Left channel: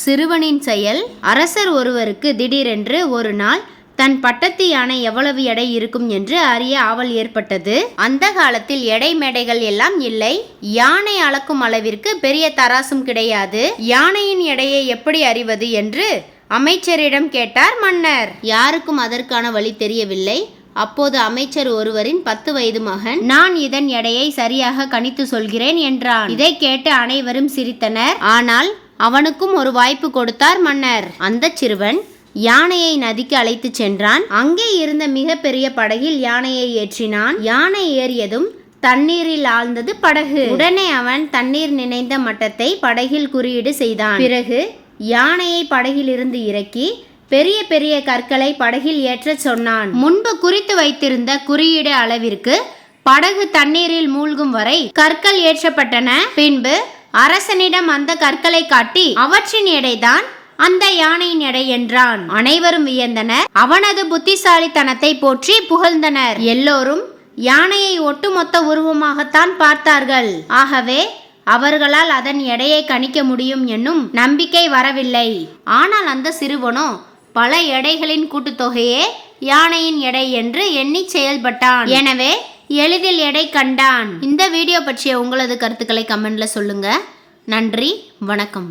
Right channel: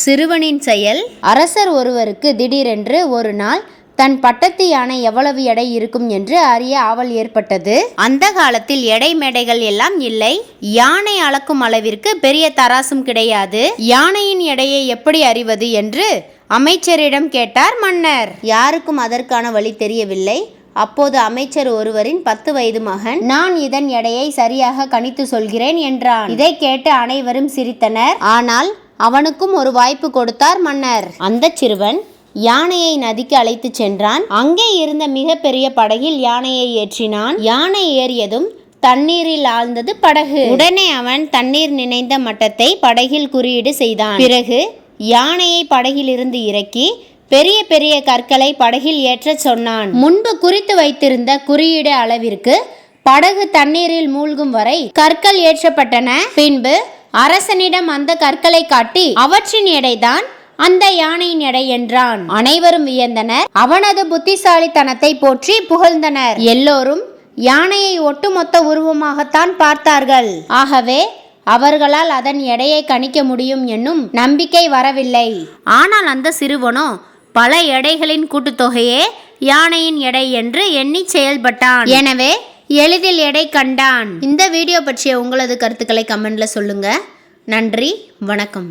சிறுவனின் செயல் அரசர் ஒருவருக்கு திடீரென்று ஒரு நாள் தன் பட்டத்து யானை எவ்வளவு எடை இருக்கும் என்று அறிய ஆவல் ஏற்பட்டது. அந்த காலத்தில் எடை மேடைகள் எல்லாம் இல்லை. யானை அளக்கும் அளவிற்கு பெரிய தராசும் கிடையாது. யானையின் எடையை எப்படி அறிவது என்று அமைச்சரிடம் கேட்டார் மன்னர். யாருக்கும் அதற்கான வழி தெரியவில்லை. அப்போது அமைச்சர் ஒருவரின் பத்து வயது மகன் நான் இதன் எடையை சரியாக கணித்து சொல்கிறேன் என்றான். இதை கேட்டு அனைவரும் சிரித்தனர். ஆனால் அவனுக்கும் ஒரு வாய்ப்பு கொடுத்தார் மன்னர். அந்த சிறுவன் யானையை நதிக்கு அழைத்து சென்றான். அங்கே இருந்த மிகப்பெரிய படகில் யானையை ஏற்றினான். யானை ஏறியதும் தண்ணீரில் ஆழ்ந்தது படகு. உடனே அவன் தண்ணீர் நினைந்த மட்டத்தை படகில் குறியீடு செய்தான். பிறகு யானையை படகிலிருந்து இறக்கி பெரிய பெரிய கற்களை படகில் ஏற்றச் சொன்னான். முன்பு குறித்து வைத்திருந்த குறியீடு அளவிற்கு படகு தண்ணீரில் மூழ்கும் வரை கற்கள் ஏற்றப்பட்டன. பின்பு அரசனிடம் அந்த கற்களை காட்டி அவற்றின் எடைதான் அந்த யானையின் எடை என்றான். அனைவரும் வியந்தனர். அவனது புத்திசாலித்தனத்தை போற்றி புகழ்ந்தனர். எல்லோரும் யானையை ஒட்டுமொத்த உருவமாகத்தான் பார்த்தார்கள். ஆகவே அவர்களால் அதன் எடையை கணிக்க முடியும் என்னும் நம்பிக்கை வரவில்லை. ஆனால் அந்த சிறுவனோ பல எடைகளின் கூட்டுத்தொகையே யானையின் எடை என்று எண்ணி செயல்பட்டான். எனவே எளிதில் எடை கண்டான். இந்த வீடியோ பற்றிய உங்களது கருத்துக்களை கமெண்ட்ல சொல்லுங்க. நன்றி வணக்கம்.